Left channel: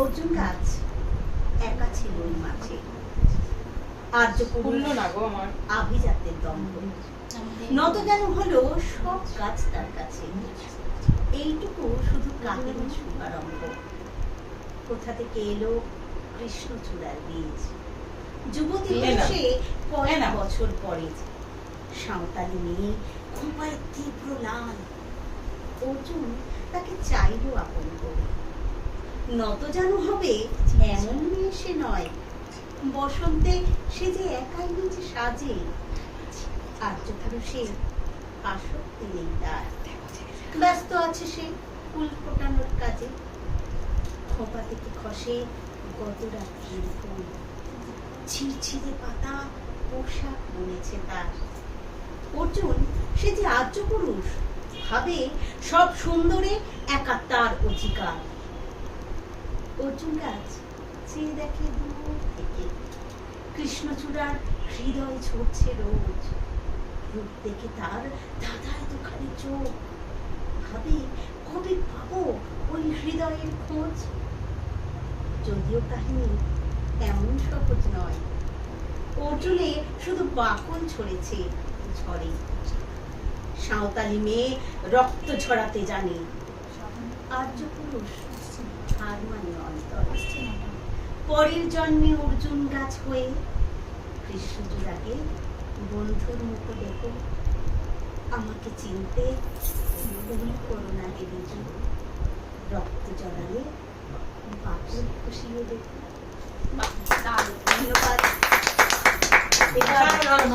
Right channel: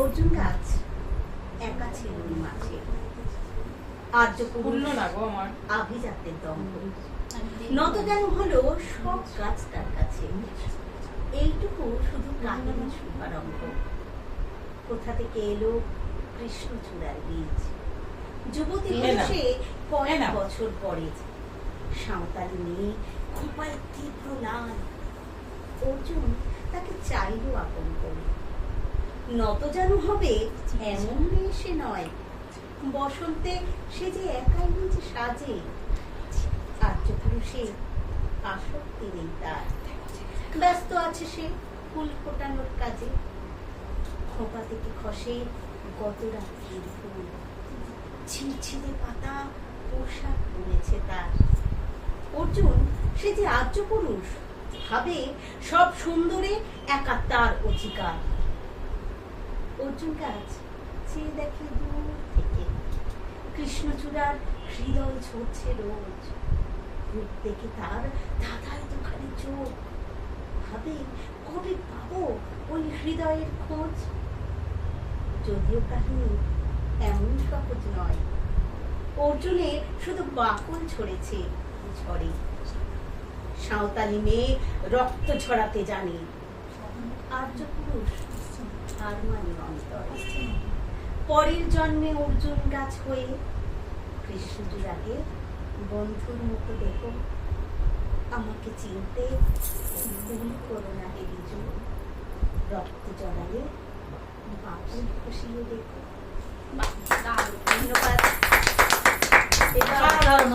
অর্জুন গাছ একা ছিল ওই মাঠে, আর্য পূর্ণ না গো আমার আভিজাত্যের দম্ভ। নত যেন হলো সব গাছ তার কাছে, এইটুকু শুধু কাহিনী শুভারম্ভ। কোথা থেকে এলো কৃষ্ণচূড়ার বীজ, যুবতী বয়সে কয়েক বছর পরে সাঁওতালি মেয়ে, খোঁপায় তীব্র লাল। অর্জুন তাকে চাইল আপন করে, নত যেন হবে এমন মেয়ে সে নয়। বসন্তে সে যে একাই নিচে সাজে, আর্য পুরুষে আসক্তি নেই তার, ব্যস্ত আছে সে ফুল ফোটানোর কাজে। খোঁপা থেকে খসে গত রাত্রির ফুল, ছিঁড়ছিঁড়ে পাতা পোশাক বুনেছে তার। অর্জুন সে যে আর্য পুরুষ, ভাবে সব সুন্দরে একা তার অধিকার। অর্জুন গাছ চেয়ে দেখে দূর থেকে, কৃষ্ণচূড়ার হৃদয় ঝরছে রোজ। রূপ দেখে তার ধাঁধায় দুখানি চোখ, ভাবে কবে পাবো ওই হৃদয়ের খোঁজ। যদিও কাহিনী এমন সহজ নয়, অর্জুনে শুধু বাকল ছড়েছে ঝড়ে। সাঁওতালি মেয়ে রক্ত ঝরাতে জানে, আর্য পুরুষ হার মানে অন্তরে। পরের জন্মে অর্জুন গাছ হয়ে কৃষ্ণচূড়াকে বন্ধুর মতো দেখো। আমাকে চিনতে ভুল করো না হে বিজু, রক্ত জড়ালে বাকল খসিয়ে দেখো। ধন্যবাদ।